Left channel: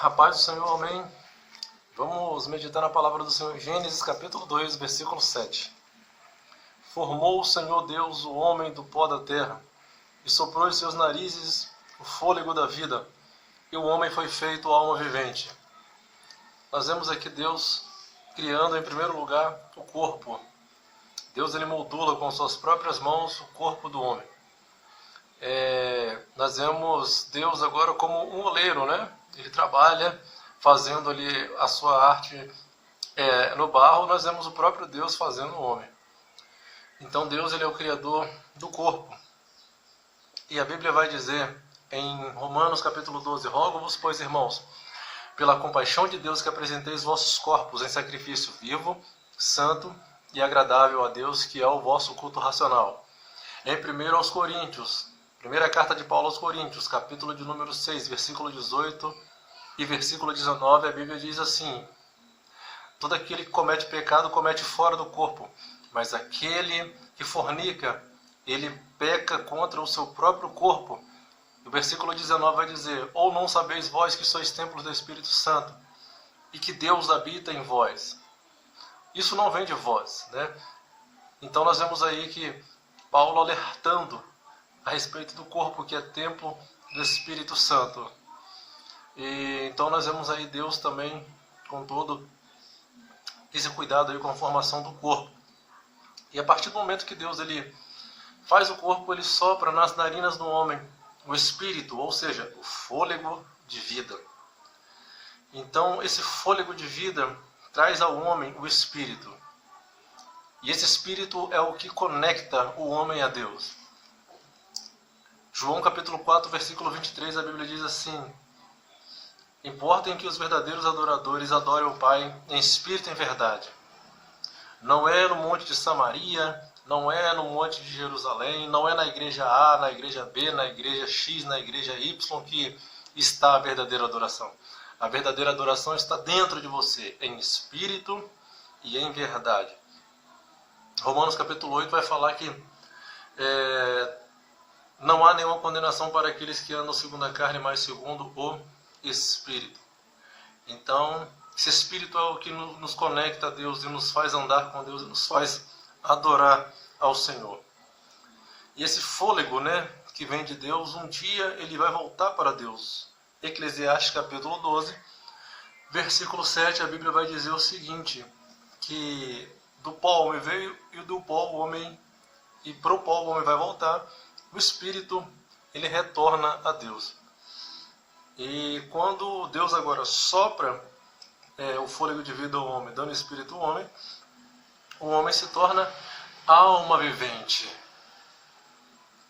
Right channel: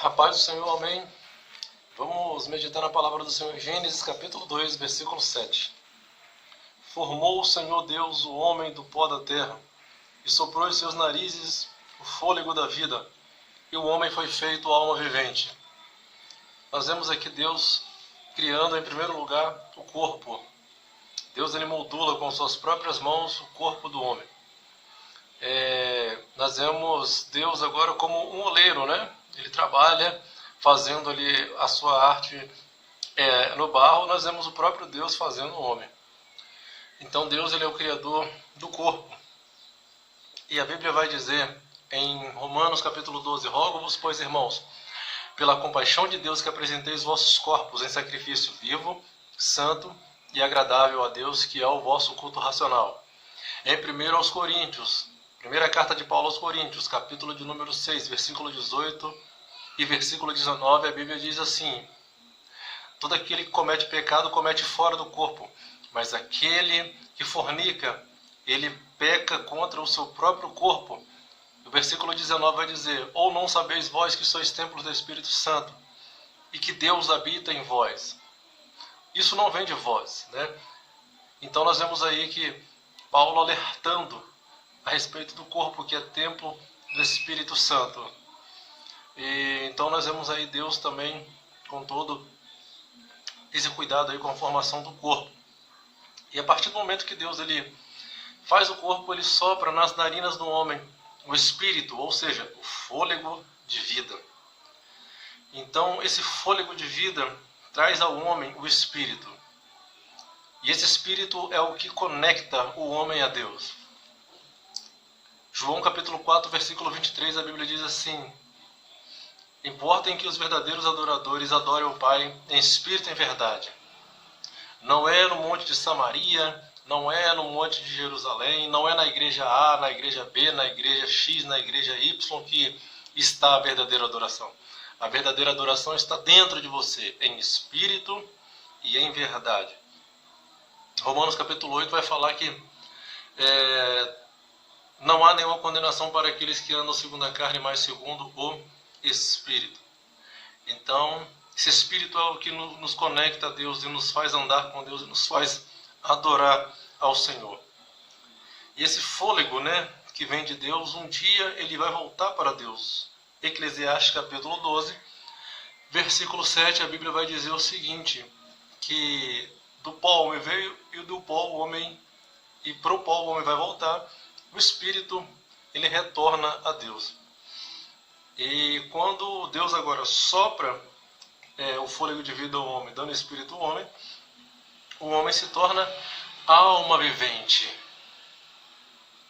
A paz do Senhor, amém. Vamos meditar na palavra do Senhor, Gênesis capítulo 2, versículo 7. Formou o Senhor Deus o homem do pó da terra, e soprou em seus narizes o fôlego da vida, e o homem foi feito alma vivente. Nós vemos aqui Deus criando em primeiro lugar o corpo. Deus ele moldula com suas próprias mãos o corpo do homem. Nós vemos Deus agora como um oleiro, né? Ele trabalha fazendo ali a sua arte no barro. Nós vemos o próprio Deus fazendo o homem. Então Deus ele é o criador do corpo. E a Bíblia vai dizer em Romanos capítulo 12: Rogo-vos, pois, irmãos, pela compaixão de Deus, que apresenteis vossos corpos em sacrifício vivo, santo e agradável a Deus, que é o vosso culto racional. Em 1 aos Coríntios, primeira carta de Paulo aos Coríntios, capítulo de número 6, versículo 18 e versículo 19, a Bíblia diz assim: todo aquele que comete pecado comete fora do corpo, mas aquele que fornica, ele peca contra o seu próprio corpo. O versículo 19 vai dizer: ou não sabeis vós que sois templos do Espírito Santo, e que Deus habita em vós? Isso não vem de vós, né? Então nós vemos aí que Paulo alertando a respeito do corpo, que é templo do Espírito Santo. E então nós vemos aí Deus também com todo esse cuidado aí com a formação do corpo. E a partir do momento que Deus ele faz o corpo, ele sopra nas narinas do homem o espírito, ou seja, o fôlego de vida. Então esse fôlego de vida traz ao homem o espírito. E esse espírito é o que conecta o homem a Deus. João capítulo 4, versículo 23, a Bíblia diz assim: importa que os verdadeiros adoradores adorem o Pai em espírito e em verdade. Não é no monte de Samaria, não é no monte de Jerusalém, não é na igreja A, na igreja B, na igreja X, na igreja Y que está a verdadeira adoração. A verdadeira adoração está dentro de você, em espírito e em verdade. Romanos capítulo 8 vai falar que não há nenhuma condenação para aqueles que andam segundo a carne, mas segundo o Espírito. Então, esse Espírito é o que nos conecta a Deus e nos faz andar com Deus e nos faz adorar ao Senhor. E esse fôlego, né, que vem de Deus, um dia ele vai voltar para Deus. Eclesiastes capítulo 12, versículo 7, a Bíblia vai dizer o seguinte: que do pó o homem veio e do pó o homem, e para o pó o homem vai voltar. O Espírito ele retorna a Deus. E quando Deus agora sopra o fôlego de vida ao homem, dando espírito ao homem, o homem se torna alma vivente.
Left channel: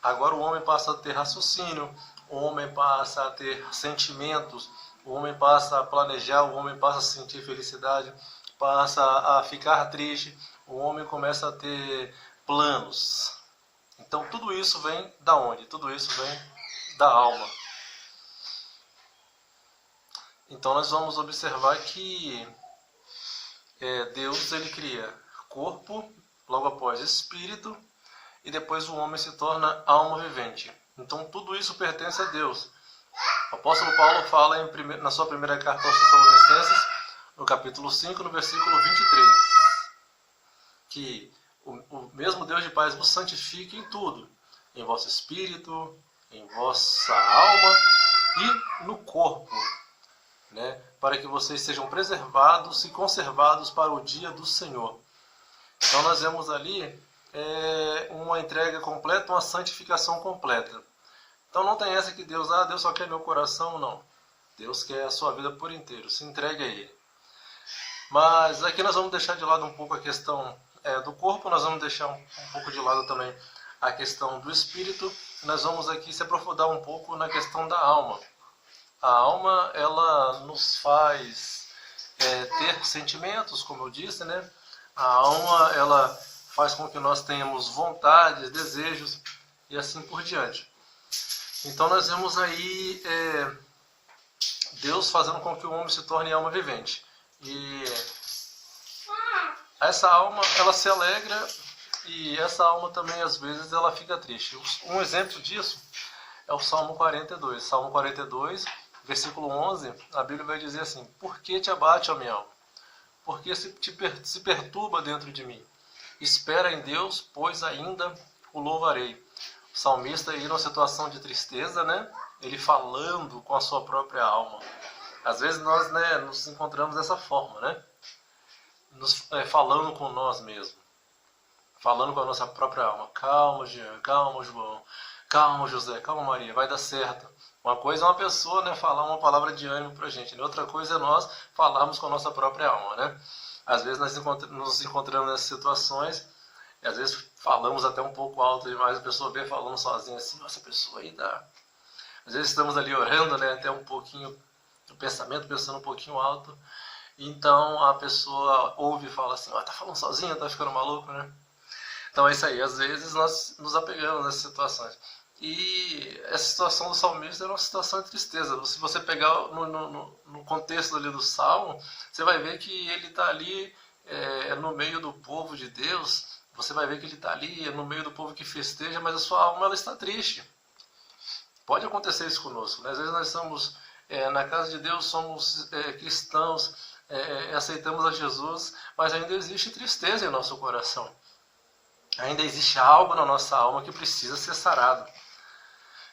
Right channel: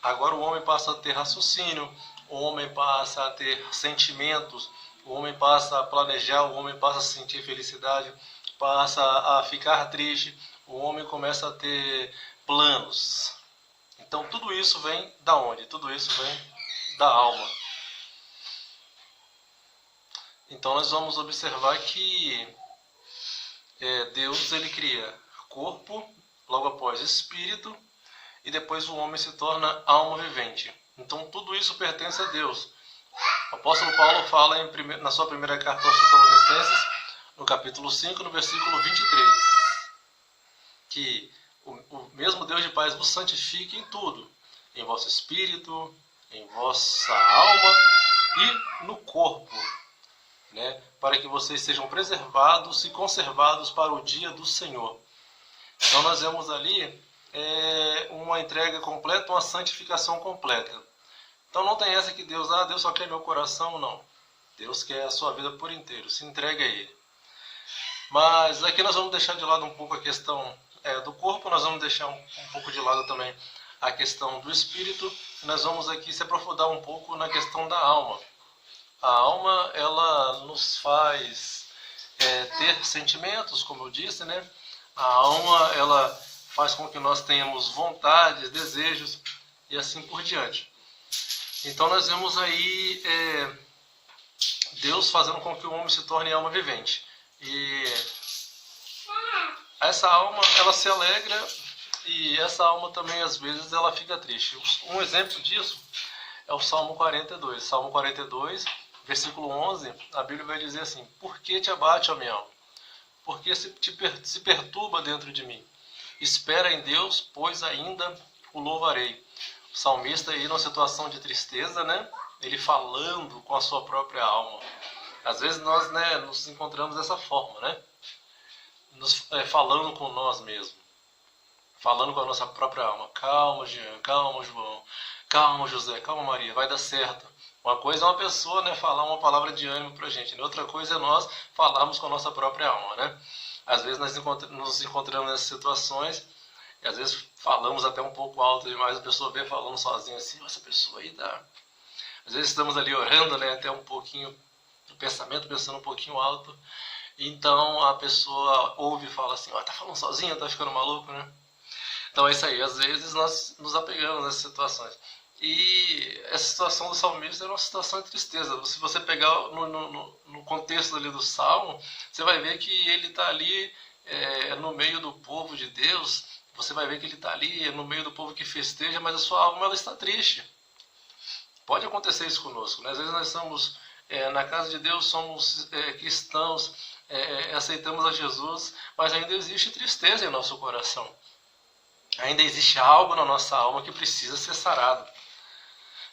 Agora o homem passa a ter raciocínio, o homem passa a ter sentimentos, o homem passa a planejar, o homem passa a sentir felicidade, passa a ficar triste, o homem começa a ter planos. Então tudo isso vem da onde? Tudo isso vem da alma. Então nós vamos observar que Deus ele cria corpo, logo após espírito, e depois o homem se torna alma vivente. Então tudo isso pertence a Deus. O apóstolo Paulo fala na sua primeira carta aos Tessalonicenses, no capítulo 5, no versículo 23, que o mesmo Deus de paz vos santifique em tudo, em vosso espírito, em vossa alma e no corpo, né, para que vocês sejam preservados e conservados para o dia do Senhor. Então nós vemos ali uma entrega completa, uma santificação completa. Então não tem essa que Deus só quer meu coração, não. Deus quer a sua vida por inteiro, se entrega a Ele. Mas aqui nós vamos deixar de lado um pouco a questão do corpo, nós vamos deixar um pouco de lado também a questão do espírito, nós vamos aqui se aprofundar um pouco na questão da alma. A alma, ela nos faz ter sentimentos, como eu disse, né? A alma, ela faz com que nós tenhamos vontades, desejos e assim por diante. Então nós vemos aí Deus fazendo com que o homem se torne alma vivente. E essa alma, ela se alegra, e essa alma também às vezes ela fica triste. Um exemplo disso é o Salmo 42. Salmo 42, versículo 11, a Bíblia vai dizer assim: por que te abate, ó minha alma? Por que se perturba dentro de mim? Espera em Deus, pois ainda o louvarei. O salmista aí numa situação de tristeza, né? Ele falando com a sua própria alma. Às vezes nós, né, nos encontramos dessa forma, né? Falando com nós mesmos. Falando com a nossa própria alma. Calma, Jean, calma, João, calma, José, calma, Maria, vai dar certo. Uma coisa é uma pessoa, né, falar uma palavra de ânimo pra gente, né? Outra coisa é nós falarmos com a nossa própria alma, né? Às vezes nós nos encontramos nessas situações, e às vezes falamos até um pouco alto demais, a pessoa vê falando sozinha assim: essa pessoa aí dá. Às vezes estamos ali orando, né, até um pouquinho do pensamento, pensando um pouquinho alto, então a pessoa ouve e fala assim: tá falando sozinha, tá ficando maluco, né? Então é isso aí, às vezes nós nos apegamos nessas situações. E essa situação do salmista era uma situação de tristeza. Se você pegar no contexto ali do salmo, você vai ver que ele está ali no meio do povo de Deus. Você vai ver que ele está ali no meio do povo que festeja, mas a sua alma ela está triste. Pode acontecer isso conosco, né? Às vezes nós estamos na casa de Deus, somos cristãos, aceitamos a Jesus, mas ainda existe tristeza em nosso coração. Ainda existe algo na nossa alma que precisa ser sarado.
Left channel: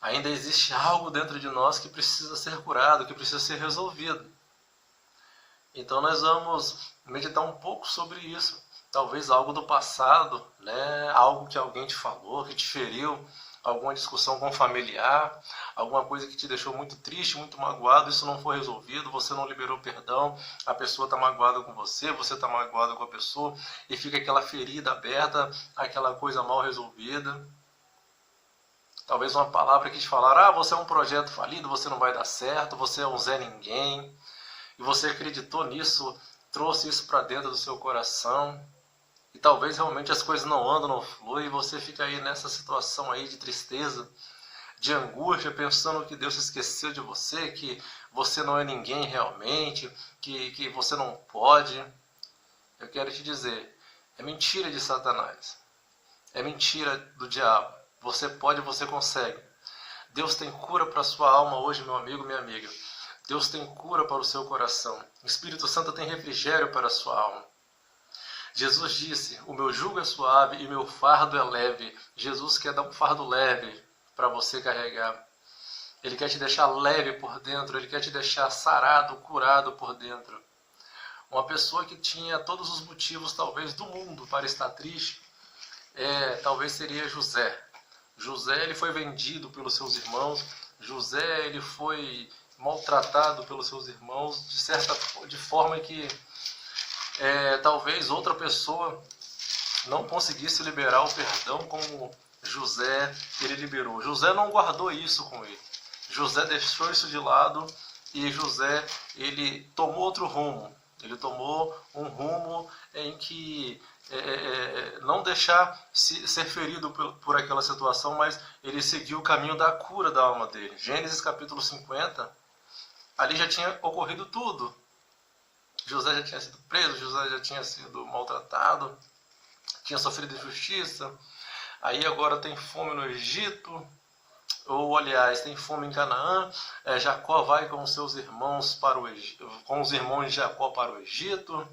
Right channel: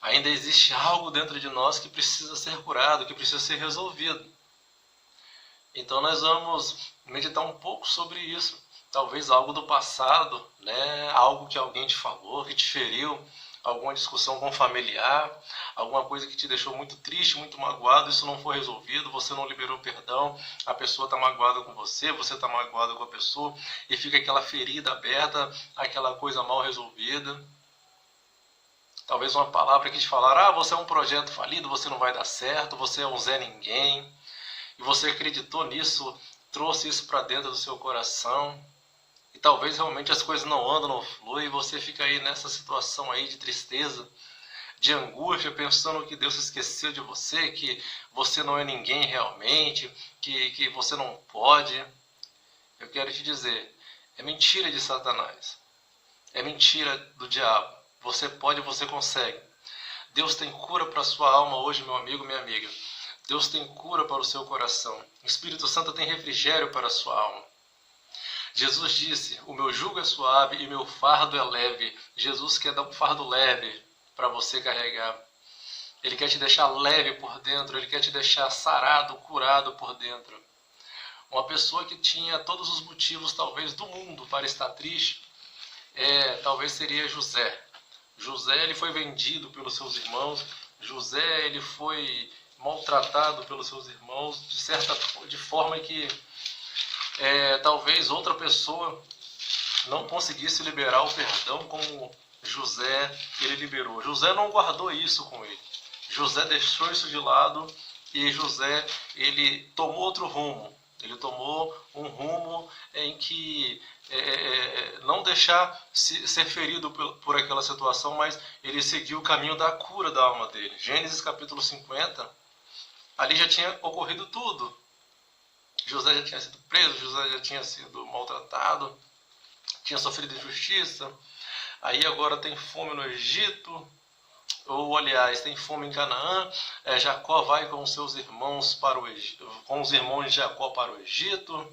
Ainda existe algo dentro de nós que precisa ser curado, que precisa ser resolvido. Então nós vamos meditar um pouco sobre isso. Talvez algo do passado, né? Algo que alguém te falou, que te feriu, alguma discussão com um familiar, alguma coisa que te deixou muito triste, muito magoado, isso não foi resolvido, você não liberou perdão, a pessoa está magoada com você está magoado com a pessoa, e fica aquela ferida aberta, aquela coisa mal resolvida. Talvez uma palavra que te falaram: você é um projeto falido, você não vai dar certo, você é um Zé Ninguém, e você acreditou nisso, trouxe isso para dentro do seu coração, e talvez realmente as coisas não andam, não fluem, e você fica aí nessa situação aí de tristeza, de angústia, pensando que Deus se esqueceu de você, que você não é ninguém realmente, que você não pode. Eu quero te dizer, é mentira de Satanás, é mentira do diabo. Você pode, você consegue. Deus tem cura para a sua alma hoje, meu amigo, minha amiga. Deus tem cura para o seu coração. O Espírito Santo tem refrigério para a sua alma. Jesus disse: o meu jugo é suave e meu fardo é leve. Jesus quer dar um fardo leve para você carregar. Ele quer te deixar leve por dentro. Ele quer te deixar sarado, curado por dentro. Uma pessoa que tinha todos os motivos, talvez, do mundo para estar triste, talvez seria José. José, ele foi vendido pelos seus irmãos. José, ele foi maltratado pelos seus irmãos de forma que talvez outra pessoa não conseguisse liberar o perdão como José ele liberou. José não guardou isso com ele. José deixou isso de lado e José ele tomou outro rumo. Ele tomou um rumo em que não deixar ser ferido por aquela situação, mas ele seguiu o caminho da cura da alma dele. Gênesis capítulo 50, ali já tinha ocorrido tudo. José já tinha sido preso, José já tinha sido maltratado, tinha sofrido injustiça, aí agora tem fome no Egito, ou aliás, tem fome em Canaã. Jacó vai com seus irmãos com os irmãos de Jacó para o Egito,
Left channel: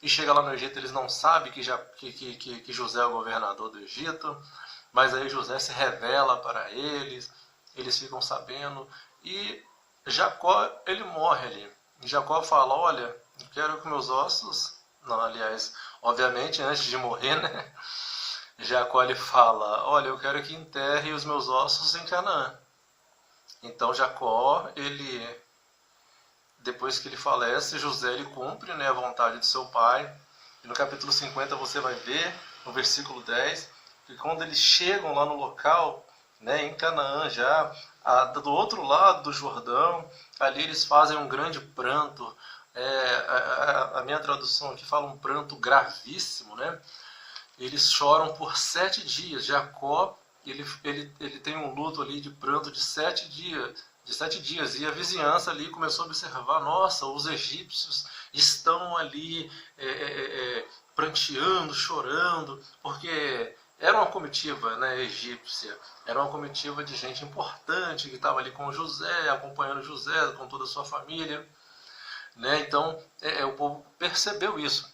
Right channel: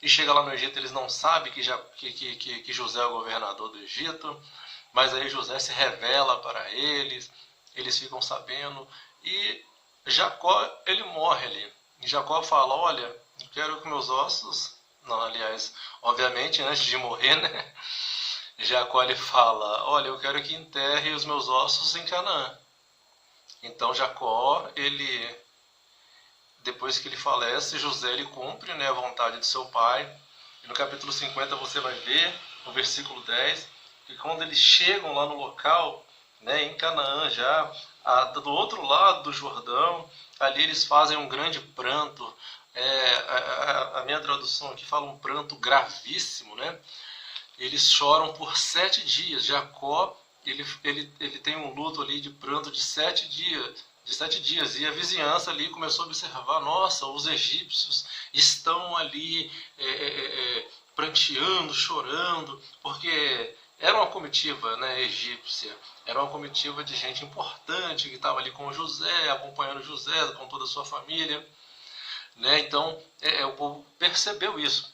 e chega lá no Egito, eles não sabem que José é o governador do Egito, mas aí José se revela para eles ficam sabendo, e Jacó, ele morre ali. E Jacó fala: olha, eu quero que meus ossos... Não, aliás, obviamente, antes de morrer, né? Jacó, ele fala: olha, eu quero que enterre os meus ossos em Canaã. Então Jacó, depois que ele falece, José ele cumpre, né, a vontade de seu pai. E no capítulo 50 você vai ver, no versículo 10, que quando eles chegam lá no local, né, em Canaã já, do outro lado do Jordão, ali eles fazem um grande pranto. A minha tradução aqui fala um pranto gravíssimo, né? Eles choram por 7 dias. Jacó, ele tem um luto ali de pranto de 7 dias. E a vizinhança ali começou a observar: nossa, os egípcios estão ali pranteando, chorando, porque Era uma comitiva, né, egípcia, era uma comitiva de gente importante que estava ali com José, acompanhando José com toda a sua família, né? Então o povo percebeu isso.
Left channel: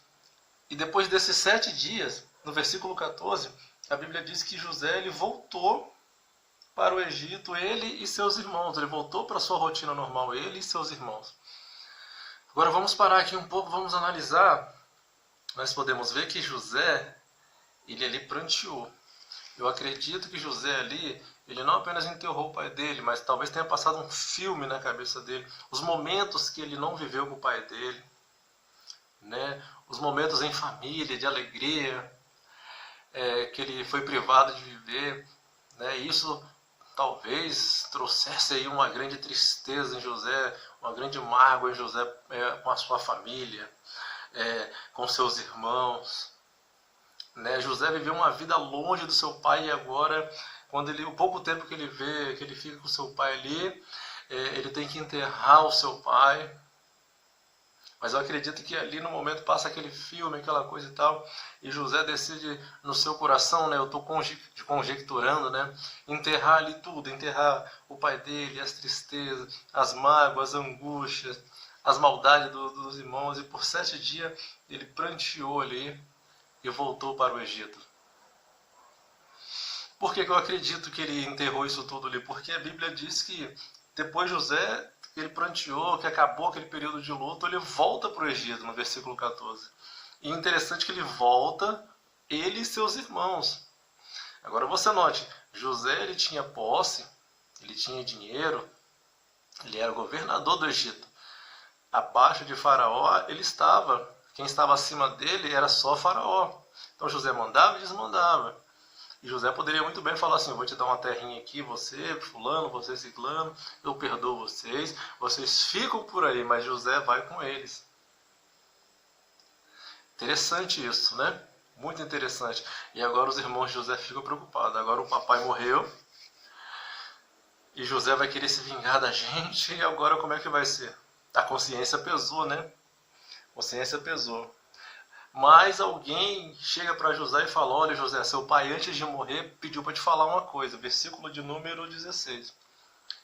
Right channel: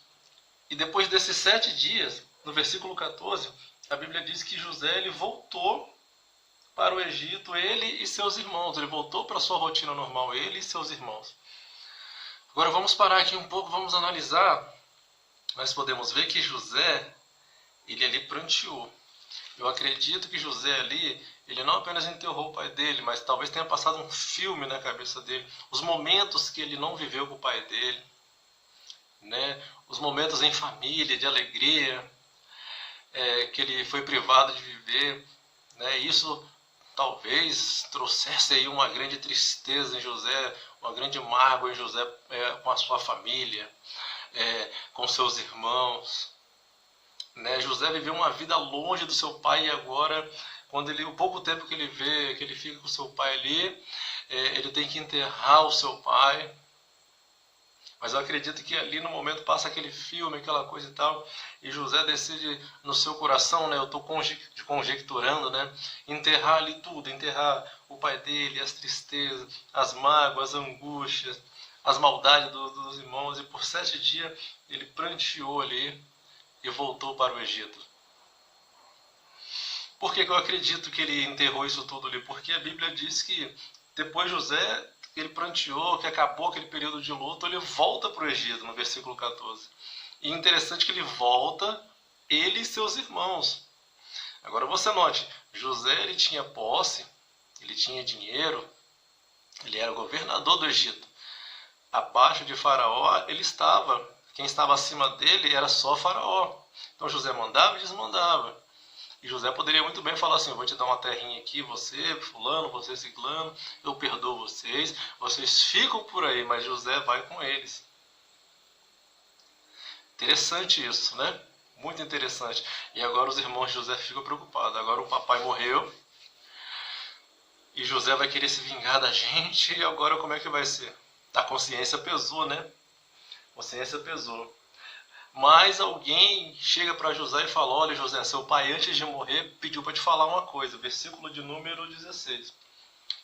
E depois desses 7 dias, no versículo 14, a Bíblia diz que José ele voltou para o Egito, ele e seus irmãos. Ele voltou para a sua rotina normal, ele e seus irmãos. Agora vamos parar aqui um pouco, vamos analisar. Nós podemos ver que José, ele ali pranteou. Eu acredito que José ali, ele não apenas enterrou o pai dele, mas talvez tenha passado um filme na cabeça dele. Os momentos que ele não viveu com o pai dele, né? Os momentos em família, de alegria, que ele foi privado de viver, né? Isso talvez trouxesse aí uma grande tristeza em José, uma grande mágoa em José com a sua família, com seus irmãos, né? José viveu uma vida longe do seu pai e agora, quando o pouco tempo que ele vê, que ele fica com seu pai ali, ele tem que enterrar o seu pai. Mas eu acredito que ali no momento passa aquele filme, aquela coisa e tal, e José decide no seu coração, né, eu estou conjecturando, né, enterrar ali tudo, enterrar o pai dele, as tristezas, as mágoas, as angústias, as maldades dos irmãos, e por 7 dias ele pranteou ali e voltou para o Egito. Por que eu acredito que ele enterrou isso tudo ali? Porque a Bíblia diz que depois José, ele pranteou, que acabou aquele período de luto, ele volta para o Egito, no versículo 14. E interessante que ele volta, ele e seus irmãos. Agora você note, José ele tinha posse, ele tinha dinheiro, ele era governador do Egito. Abaixo de Faraó ele estava, quem estava acima dele era só Faraó. Então José mandava e desmandava. E José poderia muito bem falar assim, eu vou te dar uma terrinha aqui, você fulano, você ciclano, eu perdoo vocês, vocês ficam por aí, mas José vai com eles. Interessante isso, né? Muito interessante. E agora os irmãos de José ficam preocupados. Agora o papai morreu e José vai querer se vingar da gente, e agora como é que vai ser? A consciência pesou, né? A consciência pesou. Mas alguém chega para José e fala, olha José, seu pai antes de morrer pediu para te falar uma coisa, versículo de número 16.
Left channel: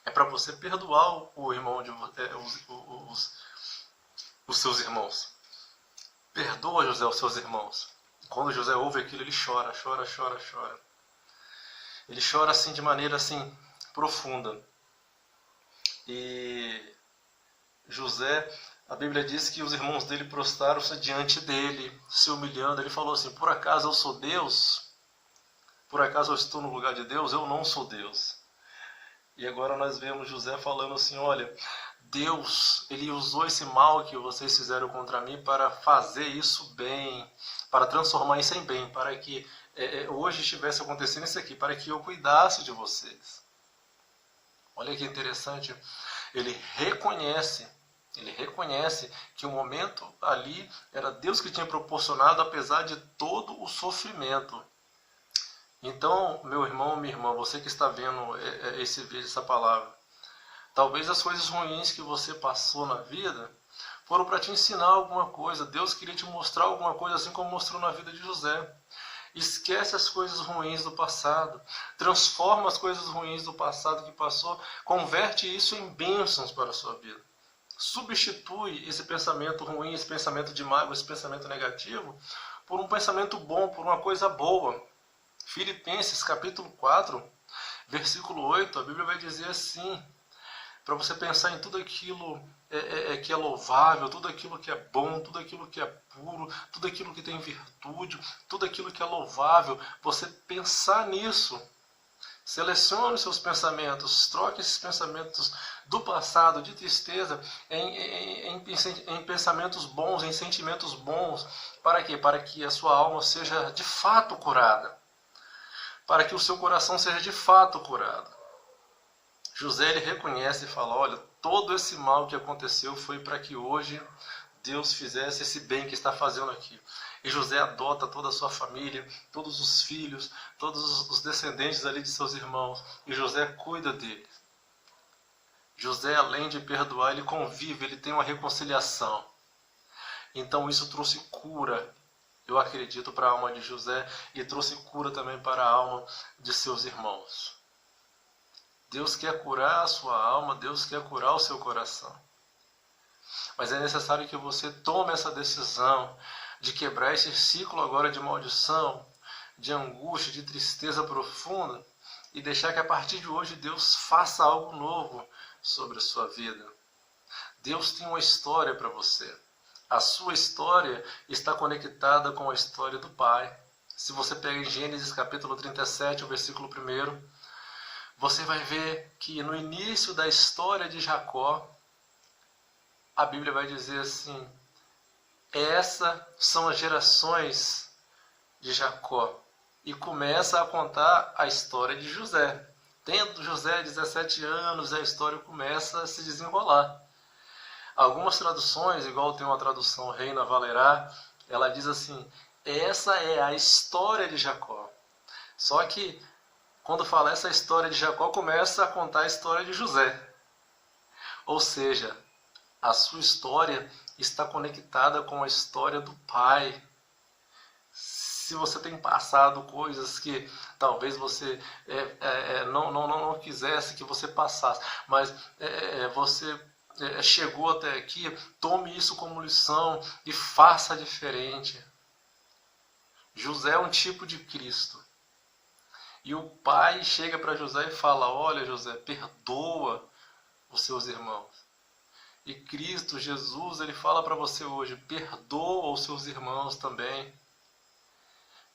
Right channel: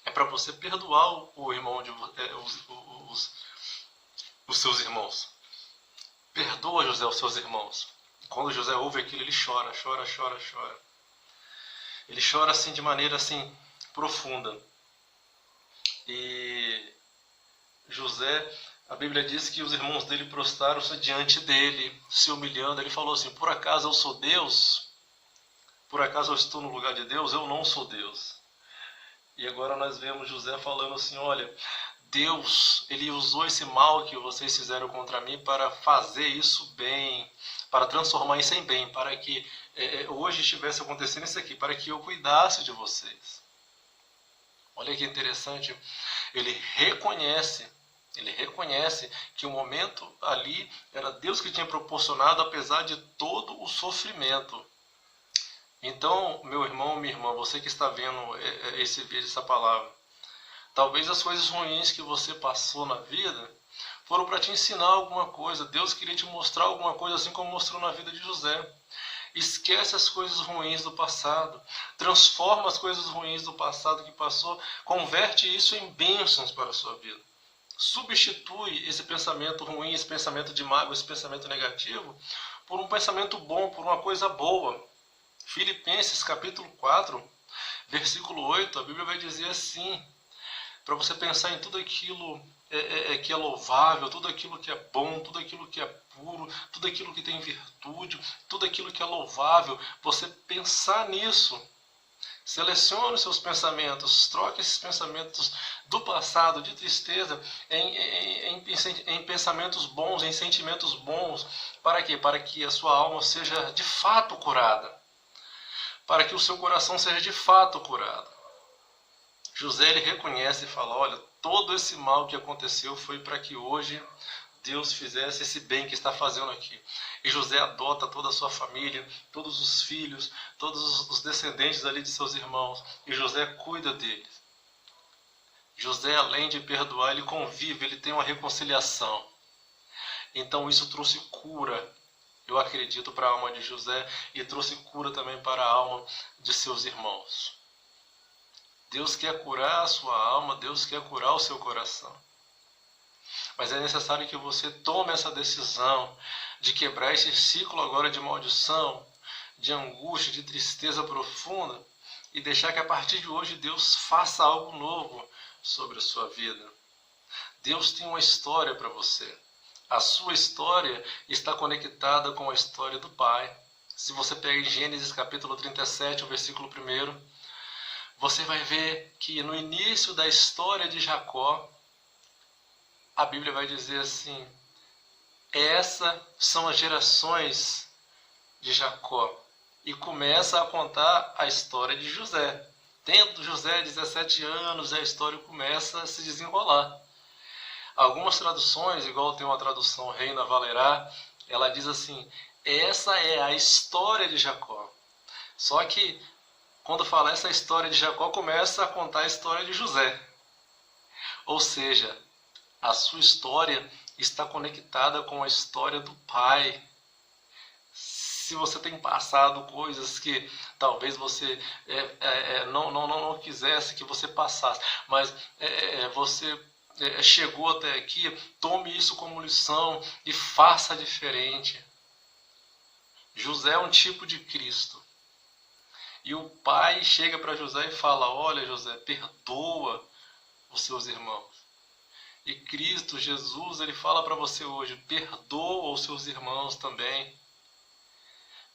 É para você perdoar o irmão de os seus irmãos. Perdoa, José, os seus irmãos. Quando José ouve aquilo, ele chora, chora, chora, chora. Ele chora assim de maneira assim profunda. E José, a Bíblia diz que os irmãos dele prostraram-se diante dele, se humilhando. Ele falou assim, por acaso eu sou Deus? Por acaso eu estou no lugar de Deus? Eu não sou Deus. E agora nós vemos José falando assim, olha, Deus, ele usou esse mal que vocês fizeram contra mim para fazer isso bem, para transformar isso em bem, para que hoje estivesse acontecendo isso aqui, para que eu cuidasse de vocês. Olha que interessante, ele reconhece que o momento ali era Deus que tinha proporcionado, apesar de todo o sofrimento. Então, meu irmão, minha irmã, você que está vendo esse vídeo, essa palavra, talvez as coisas ruins que você passou na vida foram para te ensinar alguma coisa. Deus queria te mostrar alguma coisa, assim como mostrou na vida de José. Esquece as coisas ruins do passado. Transforma as coisas ruins do passado que passou. Converte isso em bênçãos para a sua vida. Substitui esse pensamento ruim, esse pensamento de mágoa, esse pensamento negativo, por um pensamento bom, por uma coisa boa. Filipenses capítulo 4, versículo 8, a Bíblia vai dizer assim, para você pensar em tudo aquilo que é louvável, tudo aquilo que é bom, tudo aquilo que é puro, tudo aquilo que tem virtude, tudo aquilo que é louvável, você pensar nisso. Selecione os seus pensamentos, troque esses pensamentos do passado, de tristeza, em pensamentos bons, em sentimentos bons. Para quê? Para que a sua alma seja de fato curada. Para que o seu coração seja de fato curado. José ele reconhece e fala, olha, todo esse mal que aconteceu foi para que hoje Deus fizesse esse bem que está fazendo aqui. E José adota toda a sua família, todos os filhos, todos os descendentes ali de seus irmãos. E José cuida deles. José, além de perdoar, ele convive, ele tem uma reconciliação. Então isso trouxe cura. eu acredito, para a alma de José e trouxe cura também para a alma de seus irmãos. Deus quer curar a sua alma, Deus quer curar o seu coração. Mas é necessário que você tome essa decisão de quebrar esse ciclo agora de maldição, de angústia, de tristeza profunda e deixar que a partir de hoje Deus faça algo novo sobre a sua vida. Deus tem uma história para você. A sua história está conectada com a história do Pai. Se você pega em Gênesis capítulo 37, o versículo 1, você vai ver que no início da história de Jacó, a Bíblia vai dizer assim: essas são as gerações de Jacó. E começa a contar a história de José. Tendo José 17 anos, a história começa a se desenrolar. Algumas traduções, igual tem uma tradução Reina Valerá, ela diz assim: essa é a história de Jacó. Só que quando fala essa história de Jacó, começa a contar a história de José. Ou seja, a sua história está conectada com a história do Pai. Se você tem passado coisas que talvez você não quisesse que você passasse, mas você chegou até aqui, tome isso como lição e faça diferente. José é um tipo de Cristo. E o pai chega para José e fala: olha, José, perdoa os seus irmãos. E Cristo, Jesus, ele fala para você hoje: perdoa os seus irmãos também.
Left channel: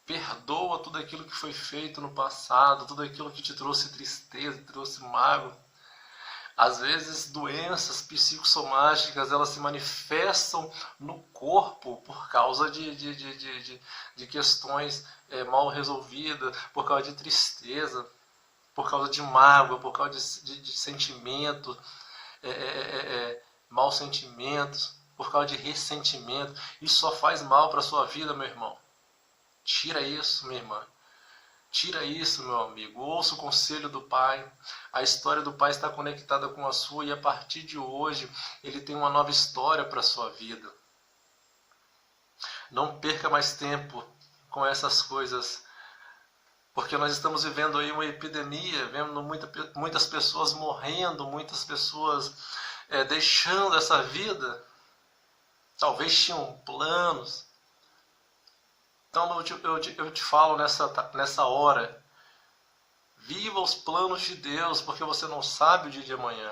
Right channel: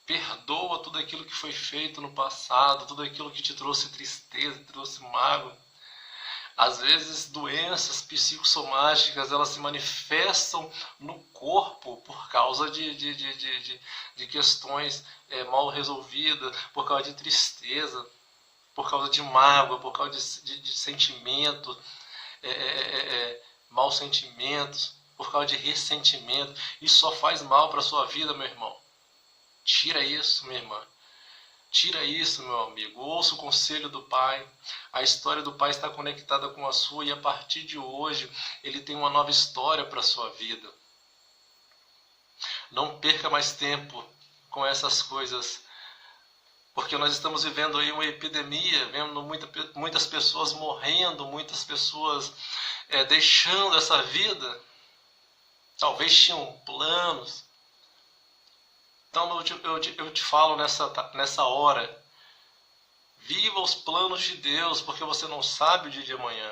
Perdoa tudo aquilo que foi feito no passado, tudo aquilo que te trouxe tristeza, te trouxe mágoa. Às vezes, doenças psicossomáticas, elas se manifestam no corpo por causa de questões mal resolvidas, por causa de tristeza, por causa de mágoa, por causa de sentimentos, maus sentimentos, por causa de ressentimento. Isso só faz mal para a sua vida, meu irmão. Tira isso, minha irmã. Tira isso, meu amigo. Ouça o conselho do Pai. A história do Pai está conectada com a sua e a partir de hoje ele tem uma nova história para a sua vida. Não perca mais tempo com essas coisas, porque nós estamos vivendo aí uma epidemia, vendo muitas pessoas morrendo, muitas pessoas deixando essa vida. Talvez tinham planos. Então eu te falo nessa hora: viva os planos de Deus, porque você não sabe o dia de amanhã.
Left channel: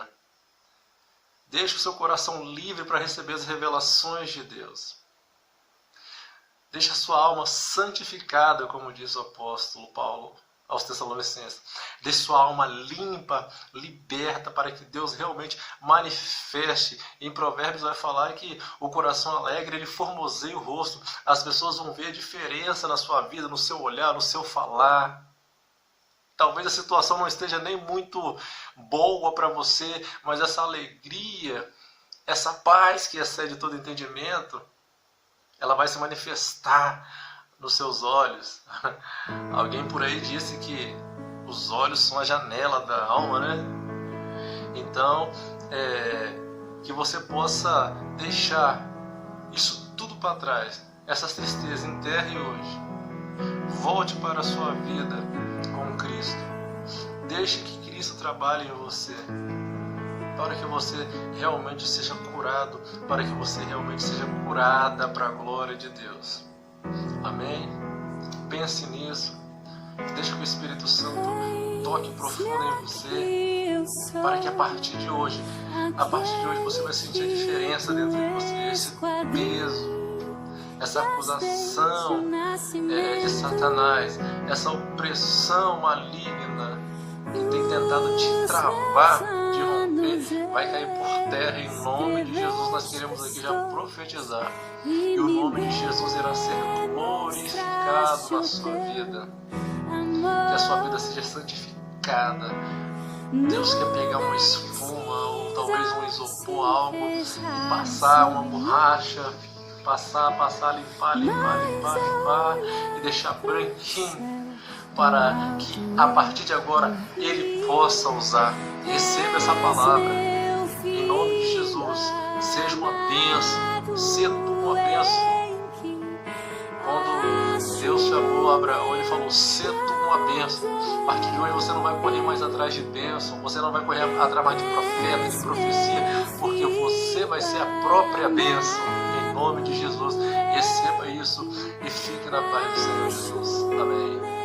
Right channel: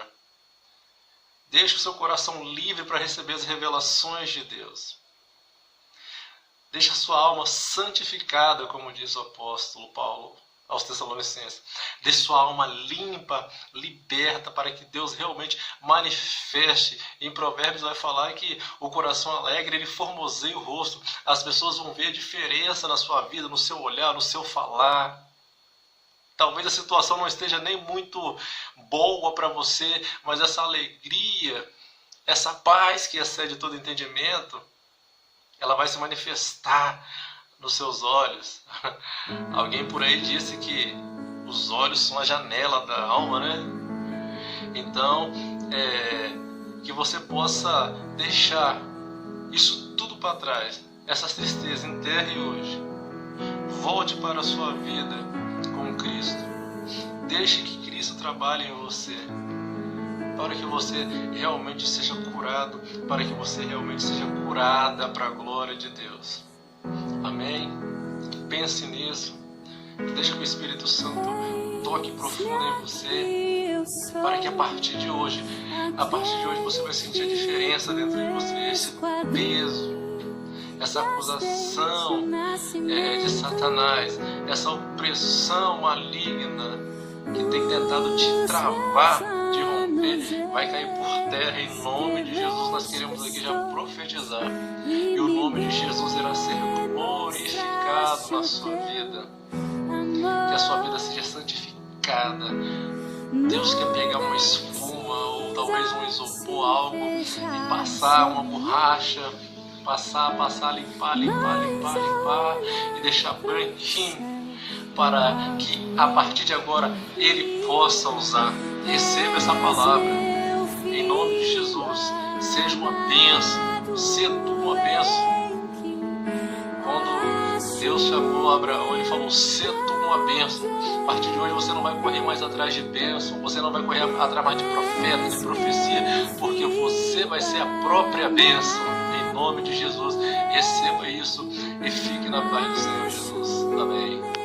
Deixe o seu coração livre para receber as revelações de Deus. Deixe a sua alma santificada, como diz o apóstolo Paulo aos Tessalonicenses. Deixe sua alma limpa, liberta, para que Deus realmente manifeste. Em Provérbios vai falar que o coração alegre, ele formoseia o rosto. As pessoas vão ver a diferença na sua vida, no seu olhar, no seu falar. Talvez a situação não esteja nem muito boa para você, mas essa alegria, essa paz que excede todo entendimento, ela vai se manifestar nos seus olhos. Alguém por aí disse que os olhos são a janela da alma, né? Então, que você possa deixar isso tudo para trás, essas tristezas, enterre hoje. Volte para a sua vida com Cristo. Deixe que Cristo trabalhe em você, para que você realmente seja curado, para que você realmente seja curada para a glória de Deus. Amém? Pense nisso. Deixe que o Espírito Santo toque profundo em você, para que a partir de hoje você vai sentir a diferença dentro de você, esse peso, essa acusação de Satanás, essa opressão maligna que tem tentado te travar, de romper, vai cair por terra em nome de Jesus. Nós queremos aqui já profetizar, e o nome de Jesus irá ser glorificado na sua vida, que a sua vida seja santificada. Deus quer pegar uma espuma ou talvez um isopor, algo, e passar uma borracha, passar, limpar e deixar branquinho, para que a partir de agora ele possa usar. Receba essa palavra em nome de Jesus. Seja uma bênção, seja uma bênção. quando Deus chamou Abraão, ele falou: "Sê tu uma bênção". A partir de hoje você não vai correr mais atrás de bênção, você não vai correr atrás mais de profeta, de profecia, porque você vai ser a própria bênção. Em nome de Jesus, receba isso e fique na paz do Senhor Jesus. Amém.